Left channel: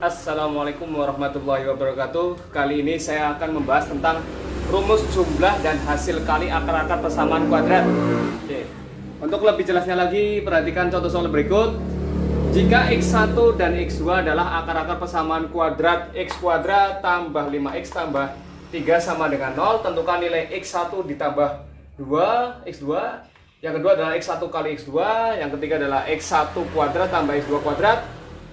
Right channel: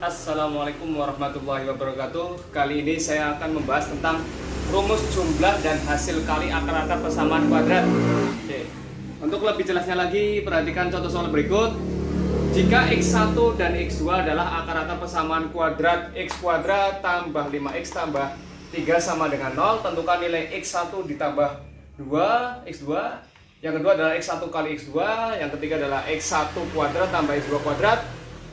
Assalamualaikum warahmatullahi wabarakatuh. Kali ini saya akan membahas tentang rumus jumlah dan hasil kali akar-akar persamaan kuadrat. Oke. Untuk lebih jelasnya lagi, perhatikan contoh soal berikut. Jika x1 dan x2 adalah akar-akar persamaan kuadrat, x kuadrat tambah 5x tambah 3 sama dengan 0, tentukan nilai x1 ditambah 2, x2. Yang kedua adalah x1 kali x2, yang ketiga adalah x1 kuadrat tambah x2 kuadrat.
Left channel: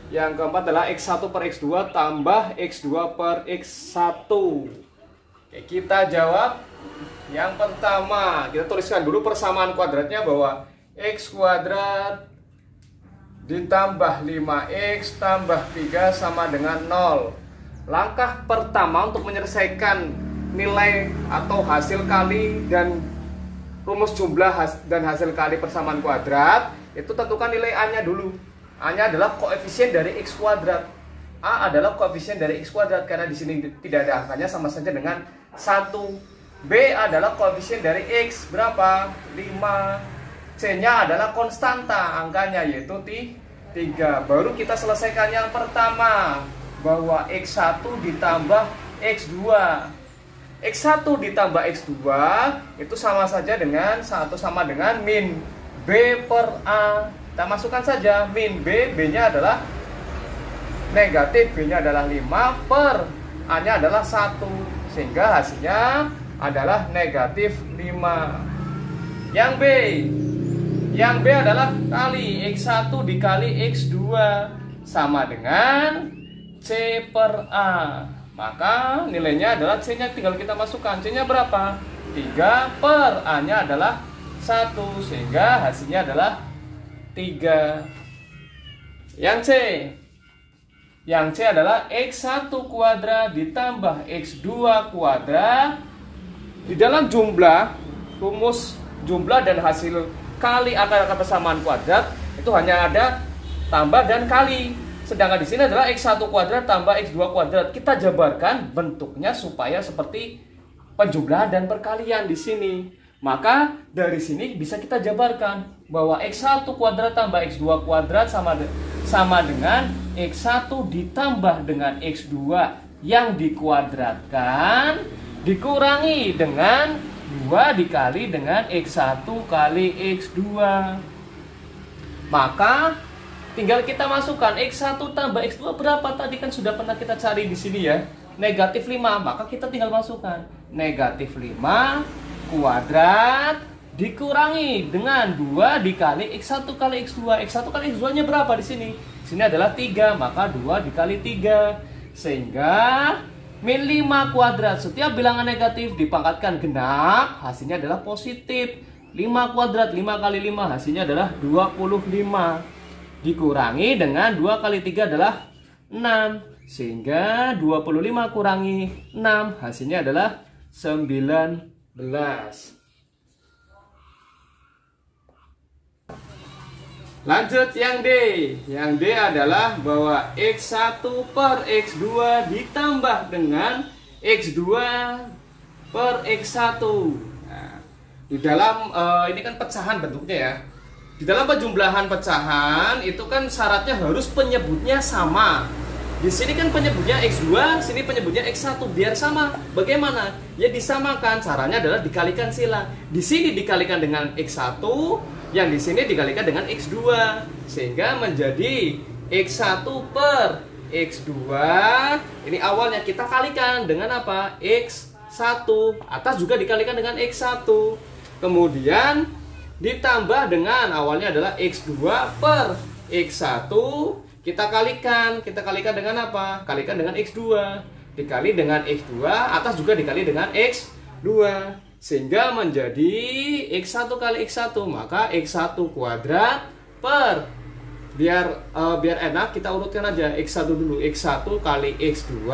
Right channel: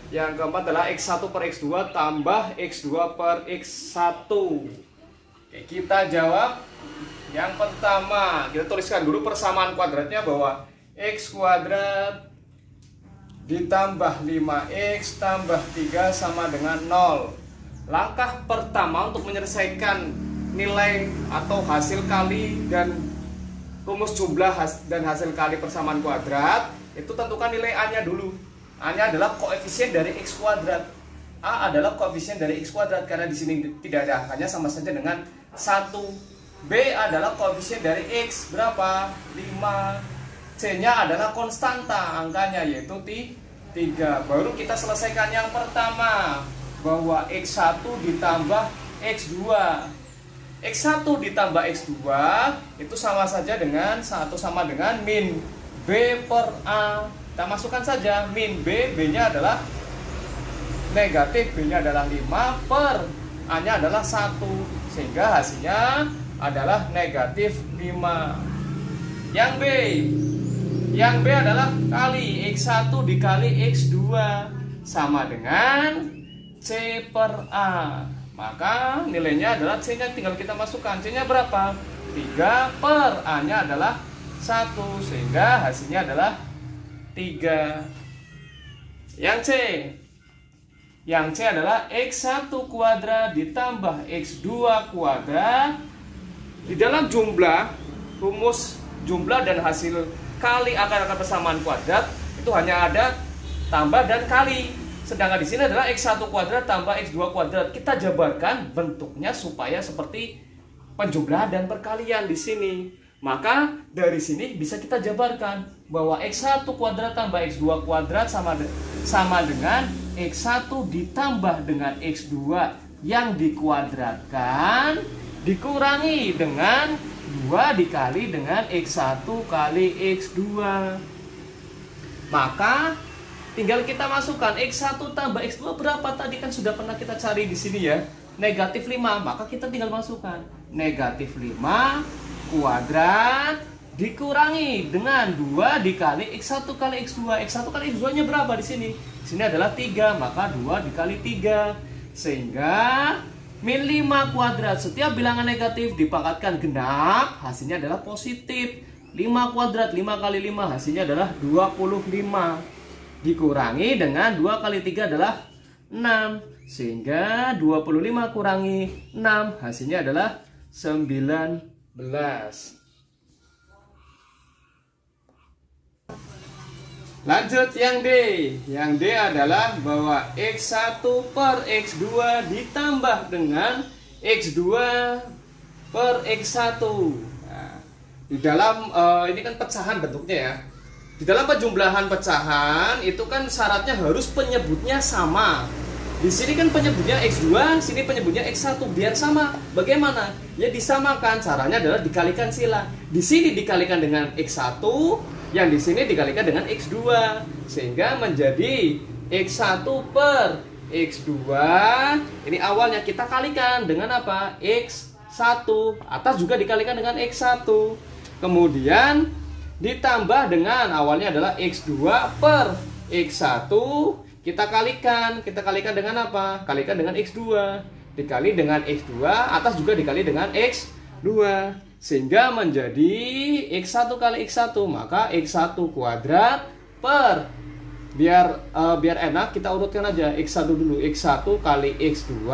Yang keempat adalah x1 per x2 tambah x2 per x1. Oke, kita jawab. Yang pertama, kita tuliskan dulu persamaan kuadratnya bahwa x kuadrat ditambah 5x tambah 3 sama dengan 0. Langkah pertama untuk menyelesaikan nilai atau hasil kali dan rumus jumlah dan hasil kali persamaan kuadrat, itu tentukan nilai A-nya dulu. A-nya adalah koefisien dari x kuadrat. A adalah koefisien dari x kuadrat karena di sini tidak ada angkanya, sama saja dengan 1. B adalah koefisien dari x, berapa? 5. C-nya adalah konstanta angkanya, yaitu 3. Baru kita selesaikan yang pertama, bahwa x1 ditambah x2. X1 ditambah x2 itu sama saja dengan 1 sama dengan min B per A. Kita masukkan saja min B, B-nya adalah negatif, B-nya adalah 5 per A-nya adalah 1, sehingga hasilnya adalah negatif 5. Yang B adalah kali x1 dikali x2 sama dengan C per A. Maka nilainya adalah C-nya tinggal kita masukkan. C-nya berapa? 3 per A-nya adalah 1, sehingga hasilnya adalah 3. Yang C adalah x1 kuadrat ditambah x2 kuadrat. Di dalam jumlah, rumus jumlah dan hasil kali akar-akar persamaan kuadrat itu hanya ada tambah dan kali. Sedangkan di sini adalah x1 kuadrat tambah x2 kuadrat. Kita jabarkan bentuknya supaya seperti penjumlahan dan perkalian di sini. Maka dari sini bisa kita jabarkan bahwa x1 kuadrat tambah x2 kuadrat sama dengan x1 ditambah dengan x2 yang dikuadratkan dikurangi dengan 2 dikali dengan x1 kali x2. Maka tinggal kita masukkan x1 tambah x2 berapa? Tadi kan sudah pernah kita cari di sini ya. Negatif 5, maka kita tinggal masukkan negatif 5 kuadrat dikurangi dengan 2 dikali x1 kali x2. X1 kali x2 nya berapa di sini? Di sini adalah 3, maka 2 dikali 3, sehingga min 5 kuadrat. Setiap bilangan negatif dipangkatkan genap, hasilnya adalah positif. 5 kuadrat, 5 kali 5 hasilnya adalah 25. Dikurangi dengan 2 kali 3 adalah 6, sehingga 25 kurangi 6 hasilnya adalah 19. Lanjut yang D. Yang D adalah bahwa x1 per x2 ditambah dengan x2 per x1. Nah, di dalam ini kan pecahan bentuknya ya. Di dalam penjumlahan pecahan itu kan syaratnya harus penyebutnya sama. Di sini kan penyebutnya x2, sini penyebutnya x1, biar sama. Bagaimana? Ya disamakan. Caranya adalah dikalikan sila. Di sini dikalikan dengan x1, yang di sini dikalikan dengan x2, sehingga menjadi x1 per x2. Ini awalnya kita kalikan dengan apa? X1. Atas juga dikalikan dengan x1. Kemudian ditambah dengan awalnya adalah x2 per x1. Kita kalikan dengan apa? Kalikan dengan x2 dikali dengan x2, atas juga dikali dengan x2, sehingga menjadi x1 kali x1, maka x1 kuadrat per biar enak kita urutkan aja x1 dulu. x1 kali x2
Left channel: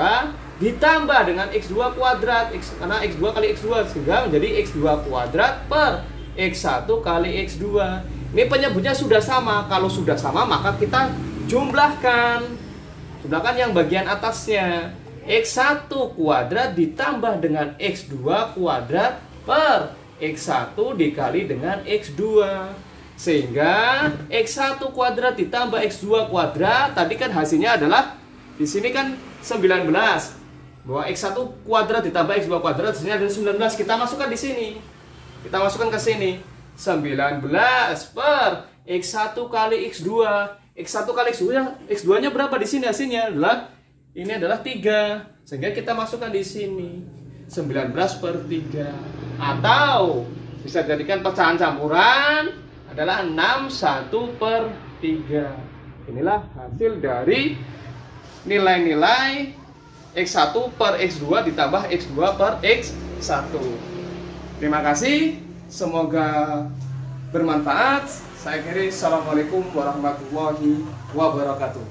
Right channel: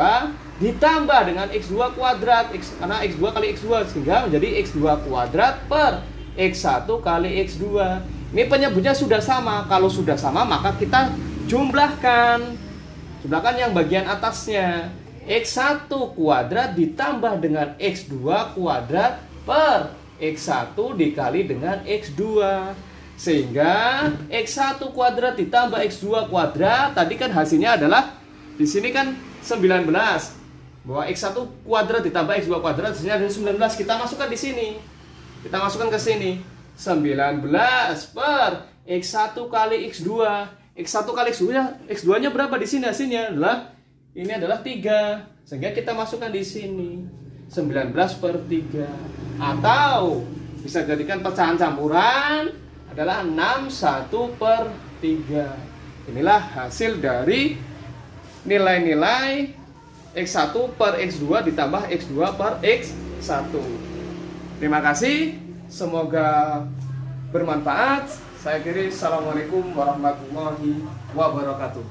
ditambah dengan x2 kuadrat, karena x2 kali x2, sehingga menjadi x2 kuadrat per x1 kali x2. Ini penyebutnya sudah sama. Kalau sudah sama maka kita jumlahkan yang bagian atasnya. X1 kuadrat ditambah dengan x2 kuadrat per x1 dikali dengan x2, sehingga x1 kuadrat ditambah x2 kuadrat tadi kan hasilnya adalah Di sini kan 19. Bahwa X1 kuadrat ditambah X2 kuadrat hasilnya adalah 19. Kita masukkan di sini. Kita masukkan ke sini. 19 per X1 kali X2. X1 kali X2 nya, X2 nya berapa di sini hasilnya? Ini adalah 3. Sehingga kita masukkan di sini. 19 per 3. Atau bisa jadikan pecahan campuran adalah 61 per 3. Inilah hasil dari nilai-nilai X1 per X2 ditambah X2 per X1. Terima kasih, semoga bermanfaat. Saya akhiri, assalamualaikum warahmatullahi wabarakatuh.